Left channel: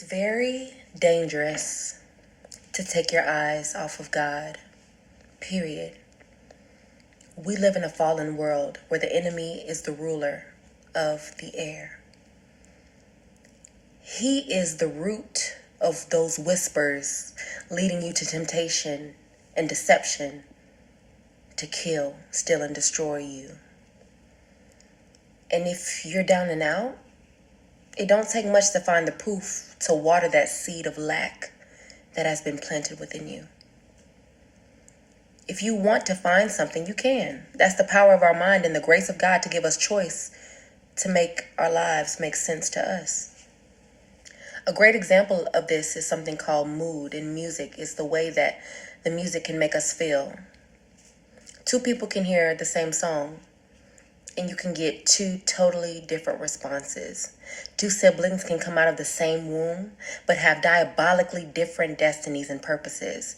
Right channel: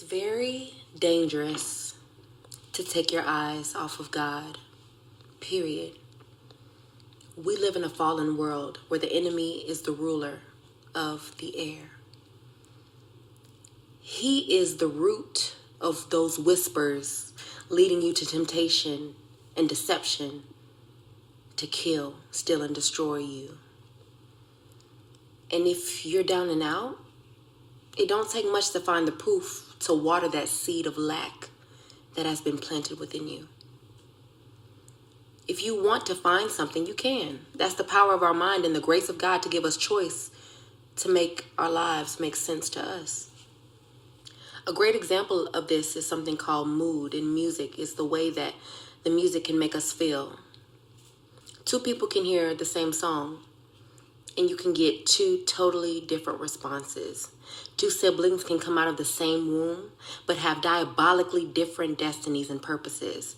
It's very dangerous to take your eyes off of God, period. We live in a fallen world where the enemy is the ruler of the air. He is the root of those whispers leading you to temptation and deception to kill, steal, and destroy you. And if you're down and out, it don't take much to find the proof to water that seed of lack that has been planted within you. If you want to find something, you can. That's the power of our mind and the grace of God to give us choice to make our lives make sense to us. A great example of this is something called mood in music. It's the way that the music can make us feel. Two people can hear the same song, and you can get two totally different responses. Two siblings can come out of the same womb, but have diabolically different destinies and purposes,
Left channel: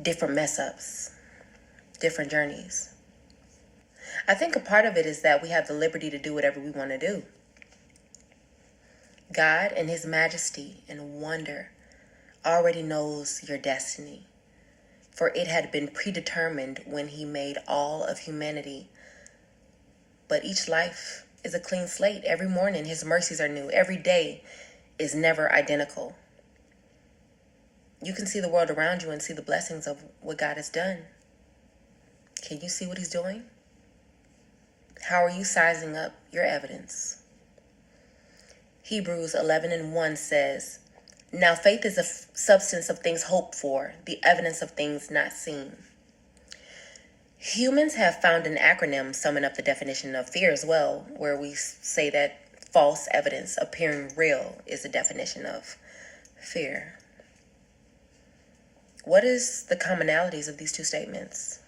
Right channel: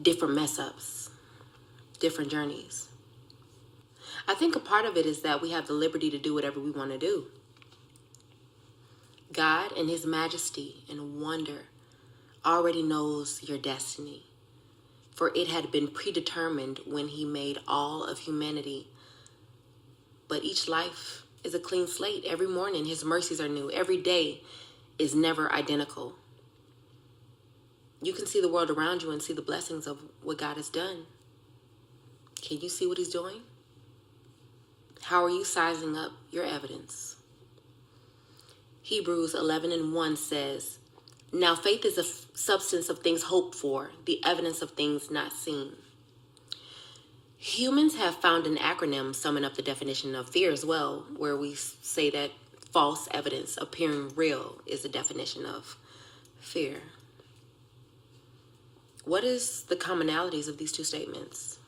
different mess ups, different journeys. I think a part of it is that we have the liberty to do whatever we want to do. God, in His majesty and wonder, already knows your destiny, for it had been predetermined when He made all of humanity. But each life is a clean slate. Every morning, His mercies are new. Every day is never identical. You can see the world around you and see the blessings of what God has done. Can you see what He's doing? How are you sizing up your evidence? Hebrews 11:1 says, "Now faith is a substance of things hoped for, the evidence of things not seen." Humans have found an acronym summing up the definition of fear as well, where we say that false evidence appearing real is the definition of fear. What is the commonalities of these two statements?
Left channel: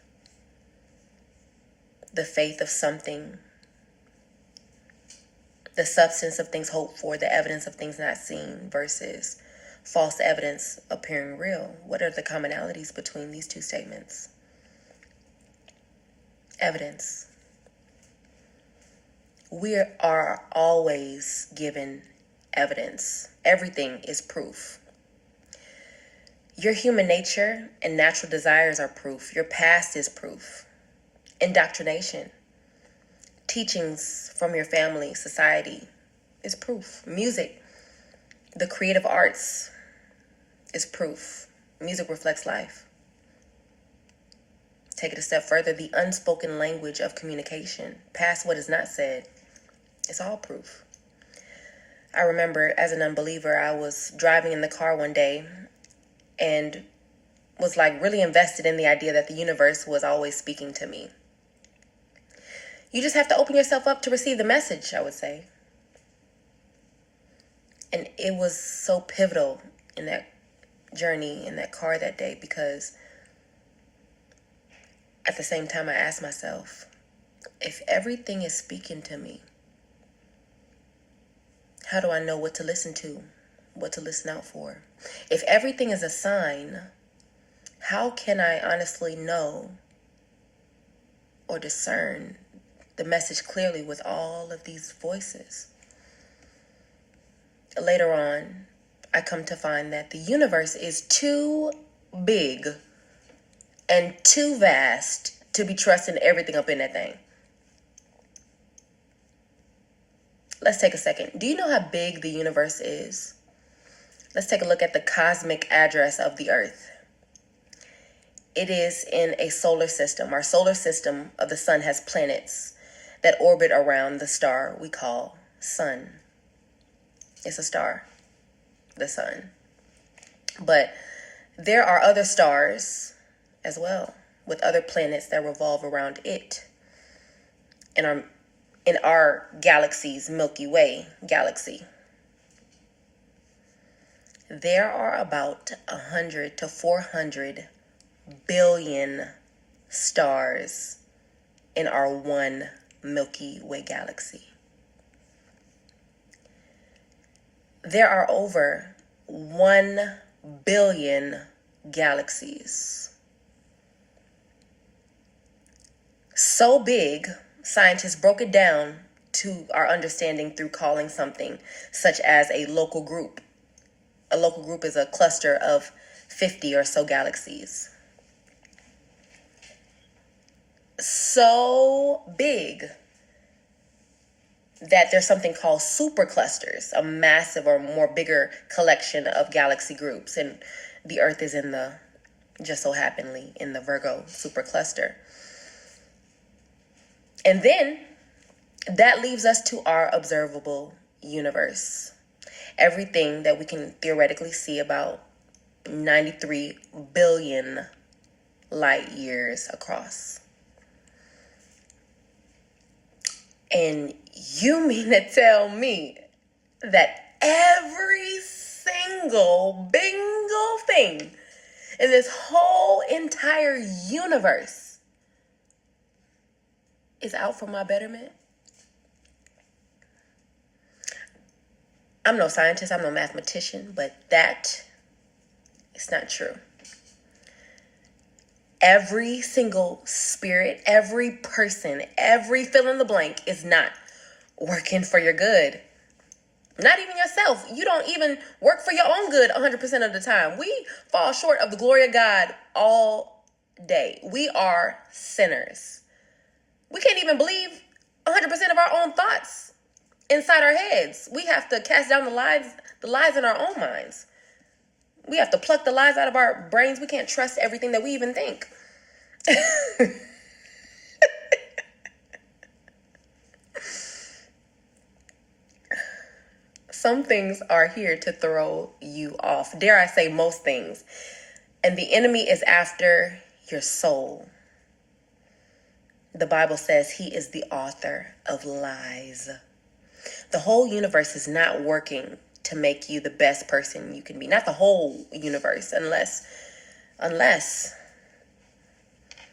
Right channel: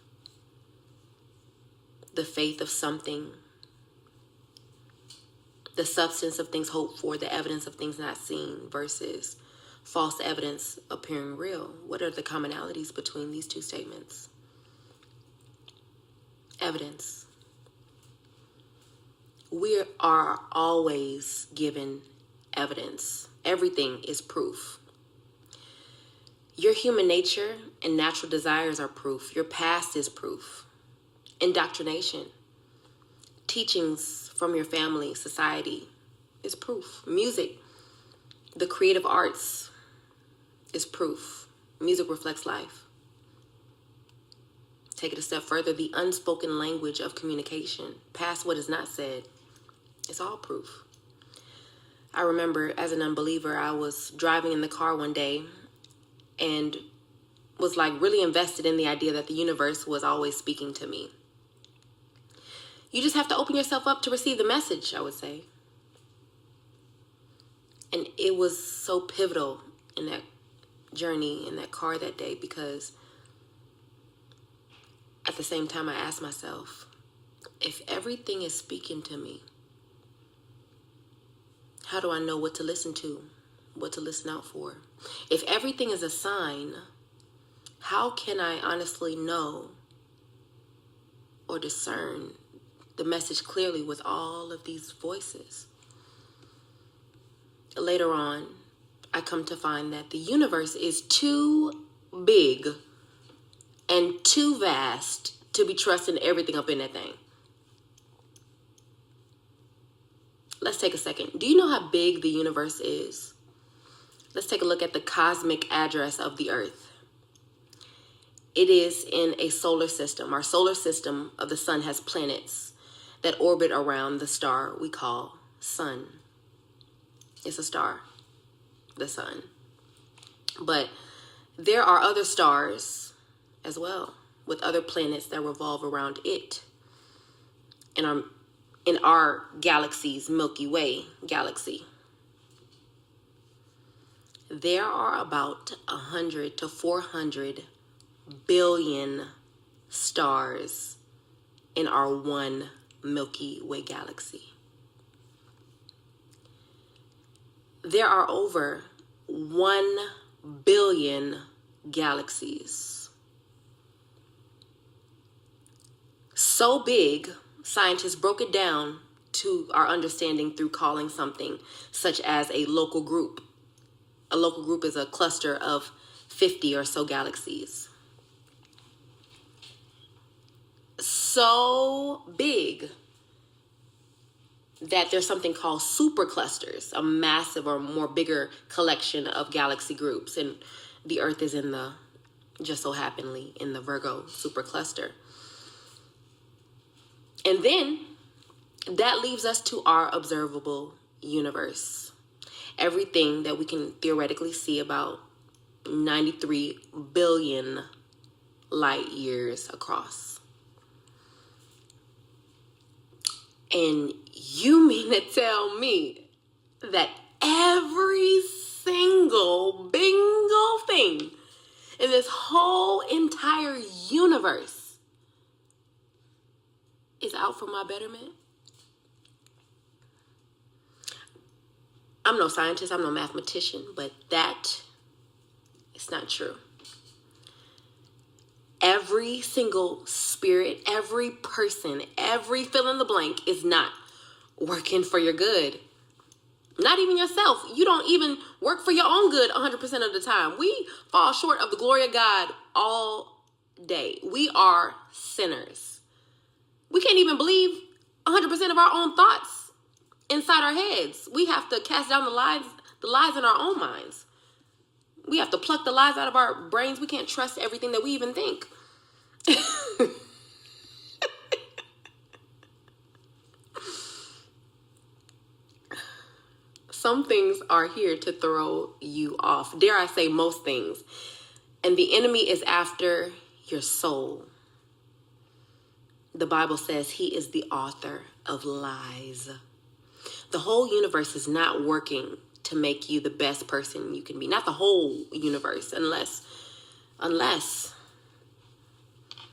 The faith of something, the substance of things hoped for, the evidence of things not seen, versus false evidence appearing real. What are the commonalities between these two statements? Evidence. We are always given evidence. Everything is proof. Your human nature and natural desires are proof. Your past is proof. Indoctrination, teachings from your family, society is proof. Music, the creative arts is proof. Music reflects life. Take it a step further, the unspoken language of communication, past what is not said, it's all proof. I remember as an unbeliever, I was driving in the car one day and was like really invested in the idea that the universe was always speaking to me. You just have to open yourself up to receive the message, I would say. And it was so pivotal in that journey, in that car that day, because at the same time I asked myself, if everything is speaking to me, how do I know what to listen to, what to listen out for? If everything is a sign, how can I honestly know or discern the message clearly with all of these voices? Later on, I come to find that the universe is too big and too vast to be trusting everything up in that thing. Let's take a second. Do you know how big the universe is? Let's take a look at the cosmic address of the Earth. It is in a solar system. Our solar system of the sun has planets that orbit around the star we call sun. It's a star, the sun. But there are other stars as well, with other planets that revolve around it. In our galaxy's Milky Way galaxy, there are about 100 to 400 billion stars in our one Milky Way galaxy. There are over 1 billion galaxies. So big, scientists broke it down to our understanding through calling something such as a local group A local group is a cluster of 50 or so galaxies. So big that there's something called superclusters, a massive or more bigger collection of galaxy groups. And the Earth is just so happenly in the Virgo supercluster. And then that leaves us to our observable universe. Everything that we can theoretically see, about 93 billion light years across. And you mean to tell me that every single bingo thing in this whole entire universe is out for my betterment? I'm no scientist, I'm no mathematician, but that is not true. Every single spirit, every person, every fill in the blank is not working for your good. Not even yourself. You don't even work for your own good 100% of the time. We fall short of the glory of God all day. We are sinners. We can't even believe 100% of our own thoughts inside our heads. We have to cast down the lies in our own minds. We have to pluck the lies out of our brains. We can't trust everything that we even think. Some things are here to throw you off. Dare I say most things. And the enemy is after your soul. The Bible says he is the author of lies. The whole universe is not working to make you the best person you can be. Not the whole universe, unless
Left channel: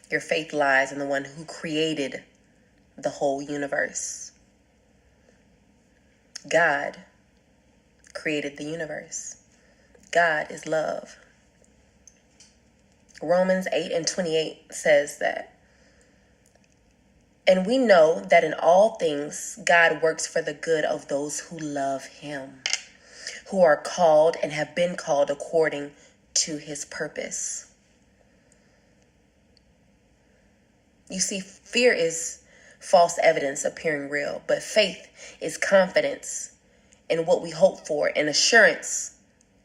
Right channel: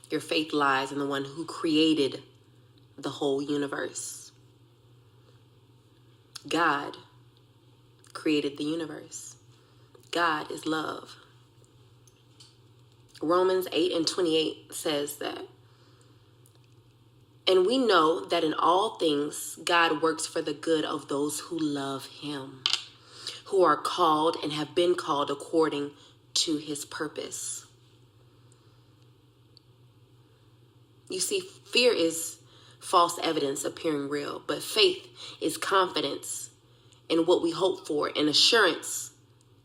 your faith lies in the one who created the whole universe. God created the universe. God is love. Romans 8:28 says that. And we know that in all things, God works for the good of those who love him, who are called and have been called according to his purpose. You see, fear is false evidence appearing real, but faith is confidence in what we hope for and assurance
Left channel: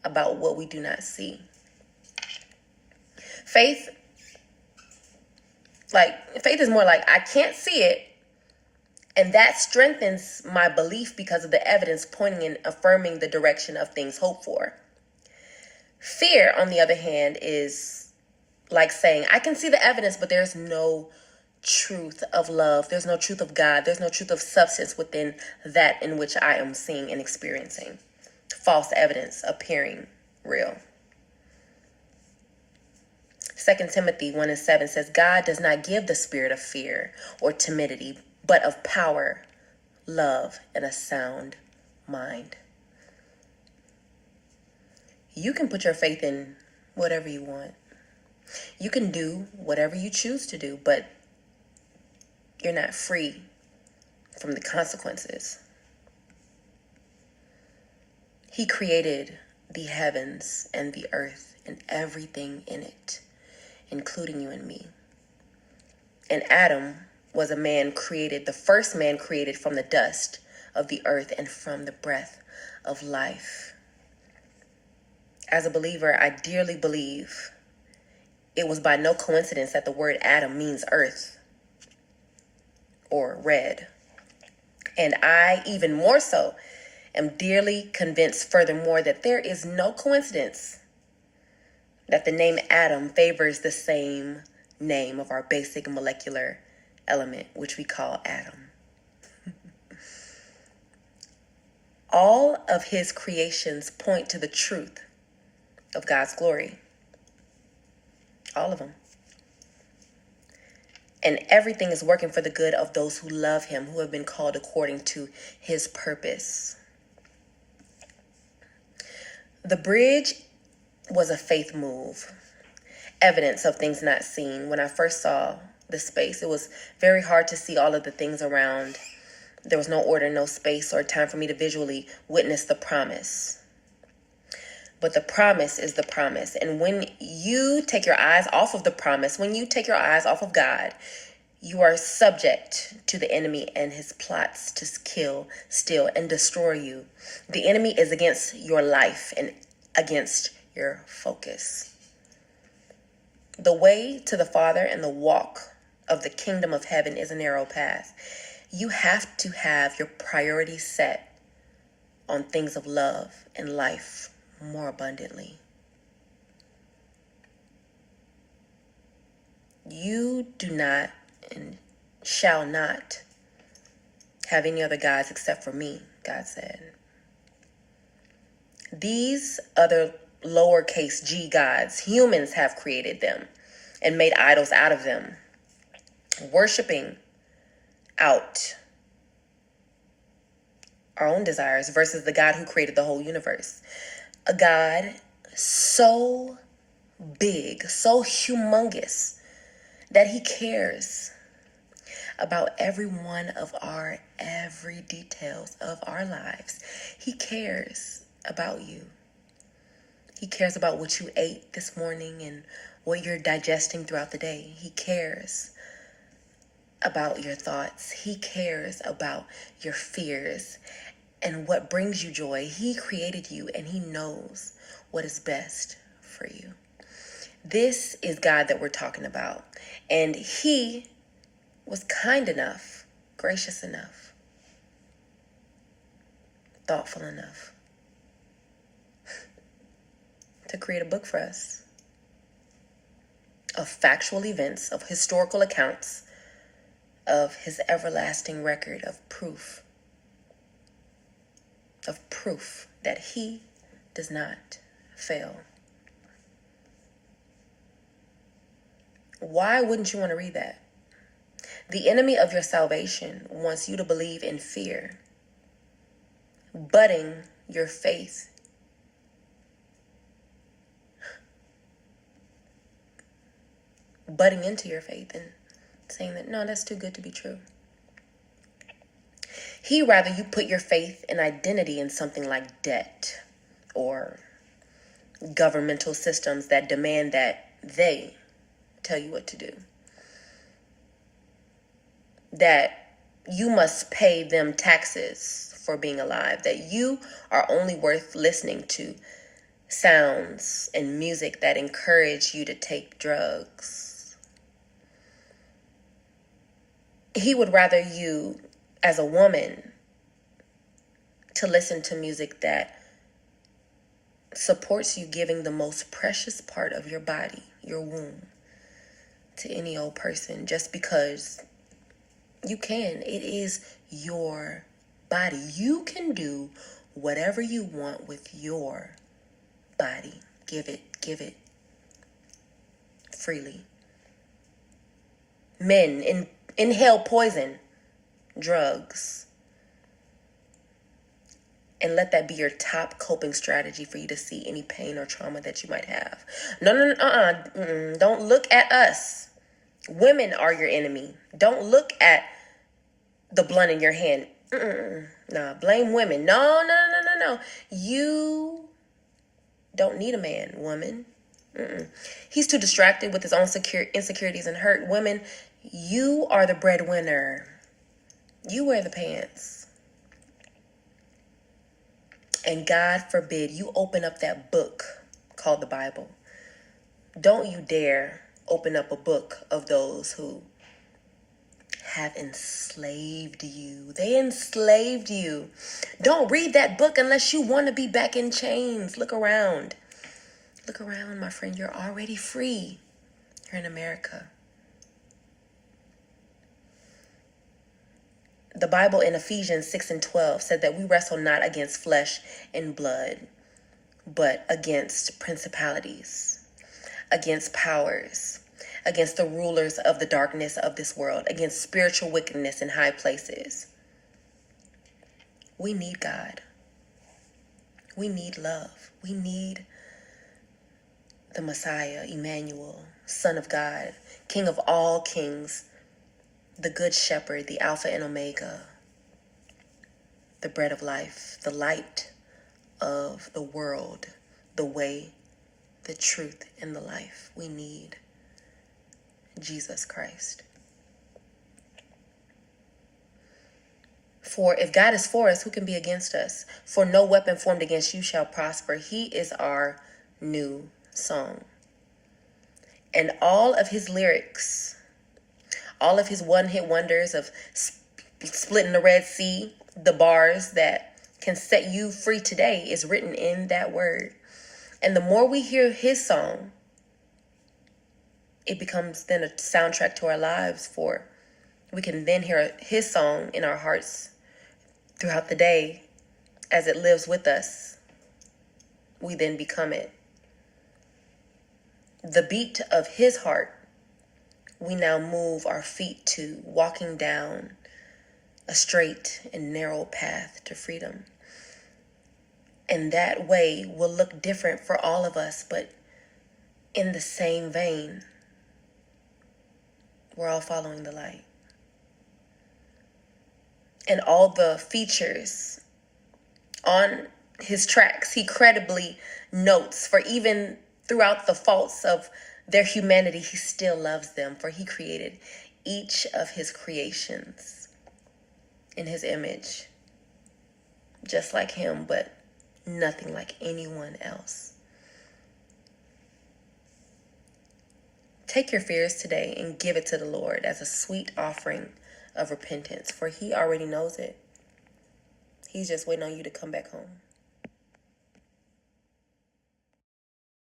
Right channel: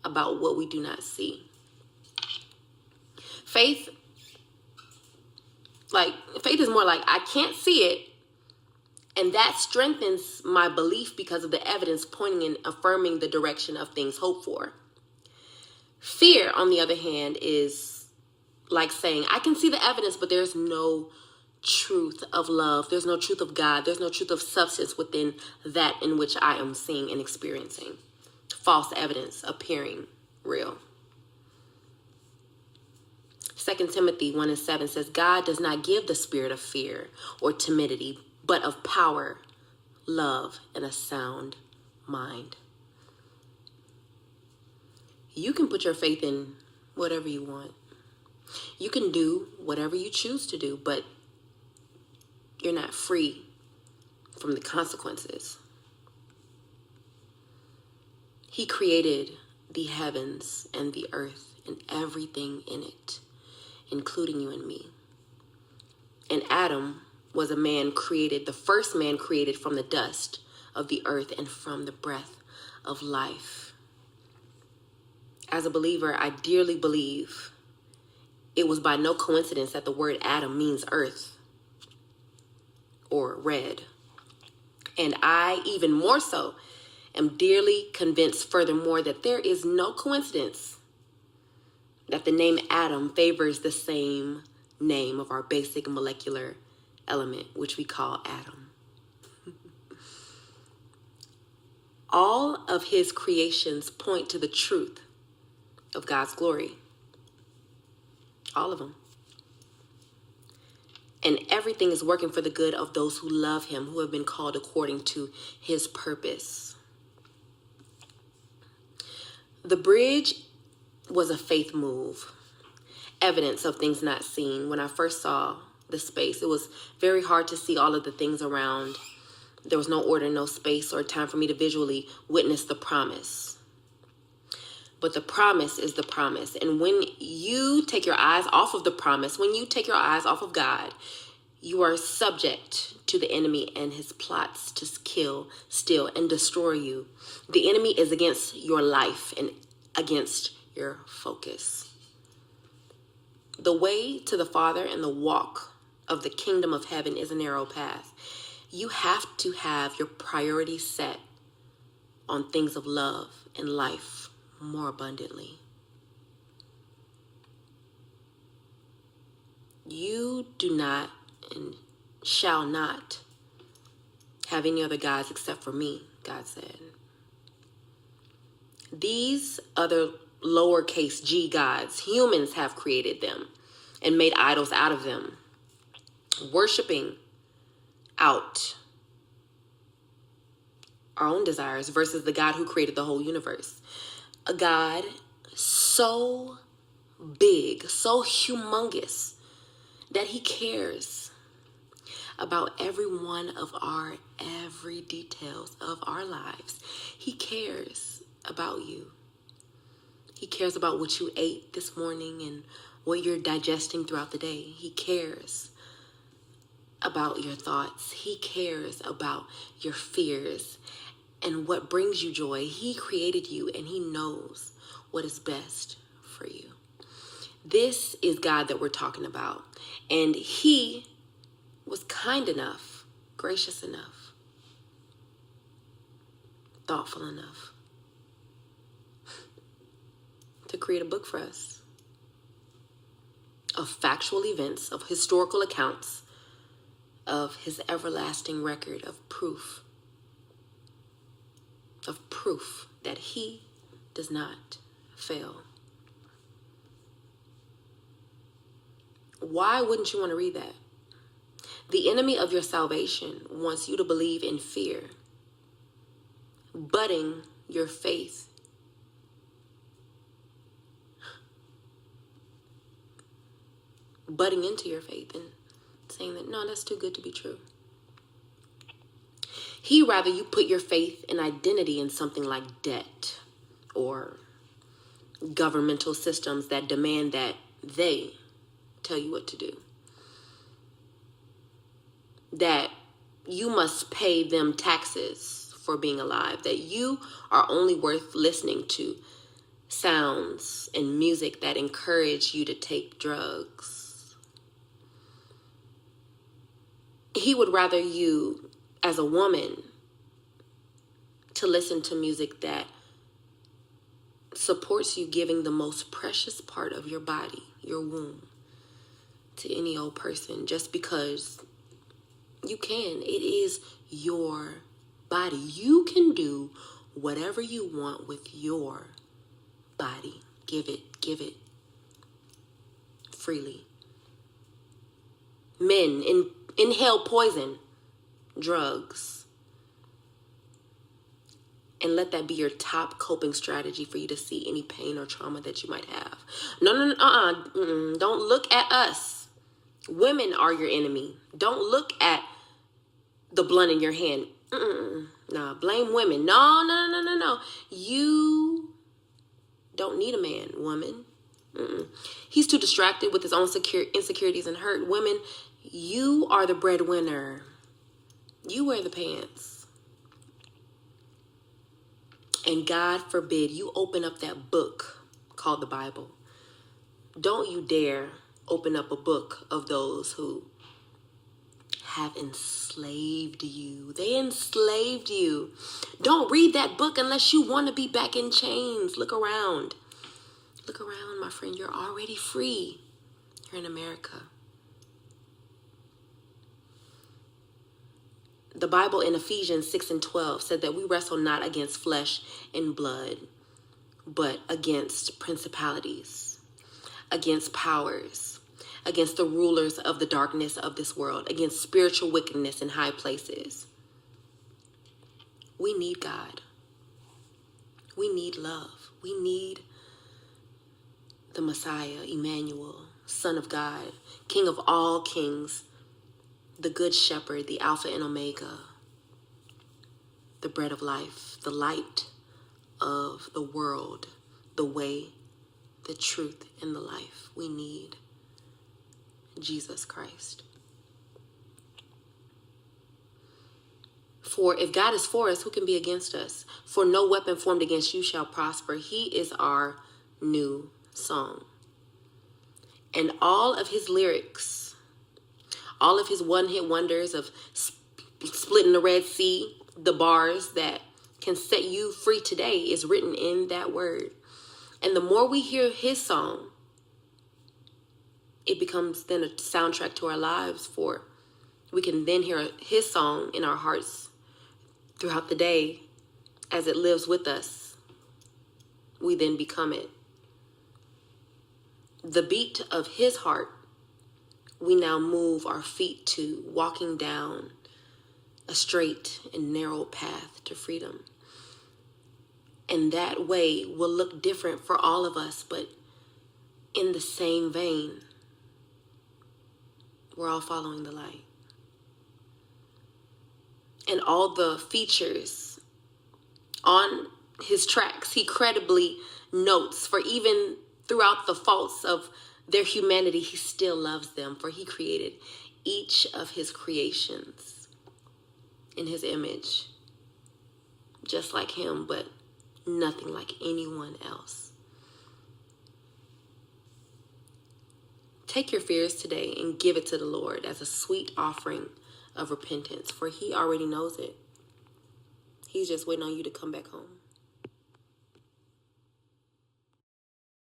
about what we do not see. Faith is more like, I can't see it, and that strengthens my belief because of the evidence pointing and affirming the direction of things hoped for. Fear, on the other hand, is like saying, I can see the evidence, but there's no truth of love. There's no truth of God. There's no truth of substance within that in which I am seeing and experiencing. False evidence appearing real. 2 Timothy 1:7 says, God does not give the spirit of fear or timidity, but of power, love, and a sound mind. You can put your faith in whatever you want. You can do whatever you choose to do, but you're not free from the consequences. He created the heavens and the earth and everything in it, including you and me. And Adam was a man created, the first man created from the dust of the earth and from the breath of life. As a believer, I dearly believe it was by no coincidence that the word Adam means earth or red. And I, even more so, am dearly convinced furthermore that there is no coincidence that the name Adam favors the same name of our basic molecular element, which we call atom. All of his creations point to the truth of God's glory. All of them. And everything is working for the good of those who love him, who have been called according to his purpose. The bridge was a faith move, evidence of things not seen. When I first saw the space, it was very hard to see all of the things around. There was no order, no space, or time for me to visually witness the promise. But the promise is the promise. And when you take your eyes off of the promise, when you take your eyes off of God, you are subject to the enemy and his plots to kill, steal, and destroy you. The enemy is against your life and against your focus. The way to the Father and the walk of the kingdom of heaven is a narrow path. You have to have your priorities set on things of love and life more abundantly. You do not and shall not have any other gods except for me, God said. These other lowercase g gods, humans have created them and made idols out of them, worshiping out our own desires versus the God who created the whole universe. A God so big, so humongous, that he cares about every one of our every details of our lives. He cares about you. He cares about what you ate this morning and what you're digesting throughout the day. He cares about your thoughts. He cares about your fears and what brings you joy. He created you and he knows what is best for you. This is God that we're talking about. And he was kind enough, gracious enough, thoughtful enough to create a book for us of factual events, of historical accounts, of his everlasting record of proof that he does not fail. Why wouldn't you want to read that? The enemy of your salvation wants you to believe in fear, budding your faith. Budding into your faith and saying that, no, that's too good to be true. He rather you put your faith and identity in something like debt or governmental systems that demand that they tell you what to do. That you must pay them taxes for being alive. That you are only worth listening to sounds and music that encourage you to take drugs. He would rather you, as a woman, to listen to music that supports you giving the most precious part of your body, your womb, to any old person just because you can. It is your body. You can do whatever you want with your body. Give it freely. Men inhale poison, drugs, and let that be your top coping strategy for you to see any pain or trauma that you might have. No, don't look at us. Women are your enemy. Don't look at the blunt in your hand. Nah, blame women. No. You don't need a man, woman. He's too distracted with his own insecurities and hurt. Women, you are the breadwinner. You wear the pants. And God forbid you open up that book called the Bible. Don't you dare open up a book of those who have enslaved you. They enslaved you. Don't read that book unless you want to be back in chains. Look around. Look around, my friend. You're already free. You're in America. The Bible in Ephesians 6:12 said that we wrestle not against flesh and blood, but against principalities, against powers, against the rulers of the darkness of this world, against spiritual wickedness in high places. We need God. We need love. We need the Messiah, Emmanuel, Son of God, King of all kings, the Good Shepherd, the Alpha and Omega, the bread of life, the light of the world, the way, the truth, and the life. We need Jesus Christ. For if God is for us, who can be against us? For no weapon formed against you shall prosper. He is our new song. And all of his lyrics, all of his one-hit wonders of splitting the Red Sea, the bars that can set you free today is written in that word. And the more we hear his song, it becomes then a soundtrack to our lives, for we can then hear his song in our hearts throughout the day as it lives with us. We then become it. The beat of his heart, we now move our feet to, walking down a straight and narrow path to freedom. And that way will look different for all of us, but in the same vein, we're all following the light. And all the features on his tracks, he credibly notes, for even throughout the faults of their humanity, he still loves them, for he created each of his creations in his image, just like him, but nothing like anyone else. Take your fears today and give it to the Lord as a sweet offering of repentance, for he already knows it. He's just waiting on you to come back home.